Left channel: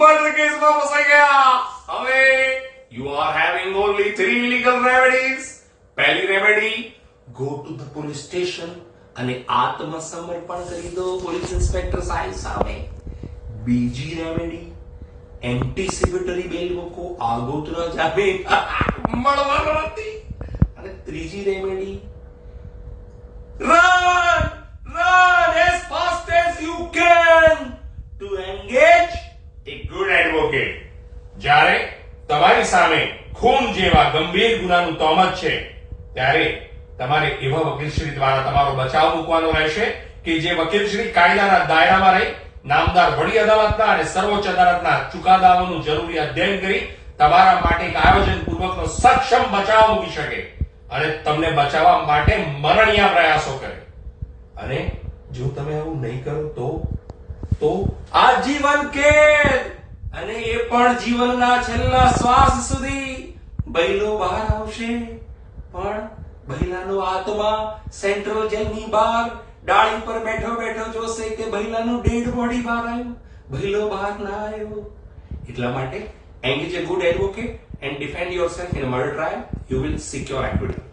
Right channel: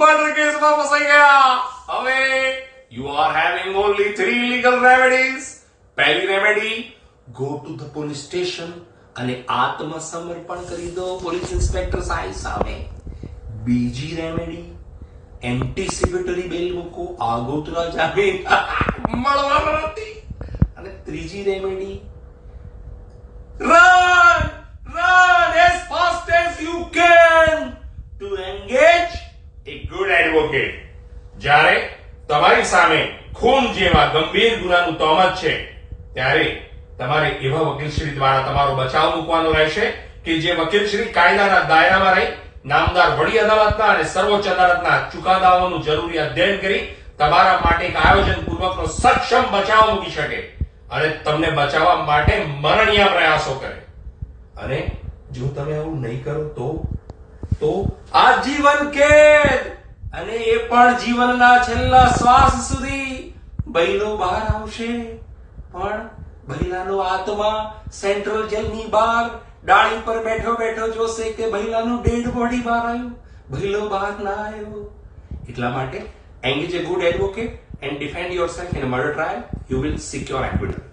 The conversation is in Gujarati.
મર્ડર કેસમાં ફસાઈ ગયા. હવે you are having only 3 legal remedies. પહેલી remedy, go to the police station અને આત્મસમર્પણ કરી દો પોલીસ ઇન્સ્પેક્ટર સાહેબ સામે. બીજી રેમેડી, એન્ટિસિપેટરી બેલ મૂકો, આગોતરા જામીન મળવાનો નથી. અને ત્રીજી remedy, run as fast as you can to engage a good advocate. જ્યારે તમારી સામે ખૂન જેવા ગંભીર ગુનાનું તોહમત છે ત્યારે તમારે એવા વકીલશ્રી દ્વારા તમારો બચાવ મૂકવાનો રહેશે કે જે વકીલશ્રી કાયદાના દાયરામાં રહી નામદાર વડી અદાલતના અને સર્વોચ્ચ અદાલતના ચુકાદાઓનું જરૂરી અધ્યયન કરી તમારા માટે એક આયોજન પૂર્વકનો સક્ષમ બચાવ મૂકી શકે અને તમને બચાવવા માટે મરણિયા પ્રયાસો કરે. અને જો તમે આવું નહીં કરો તો આજીવન કેદ, અને એ પણ જીવનના છેલ્લા શ્વાસ સુધી. બૈલો બહાર આવશે પણ બૈલાનો આત્મા સેન્ટ્રલ જેલની બહાર ડાળી પર બેઠો બેઠો જોશે કે બૈલાનું ડેડ બોડી બહાર આવ્યું, બૈલો બહાર ના આવ્યો. એટલા માટે engage a good advocate and defend yourself in a murder trial. You will secure acquittal.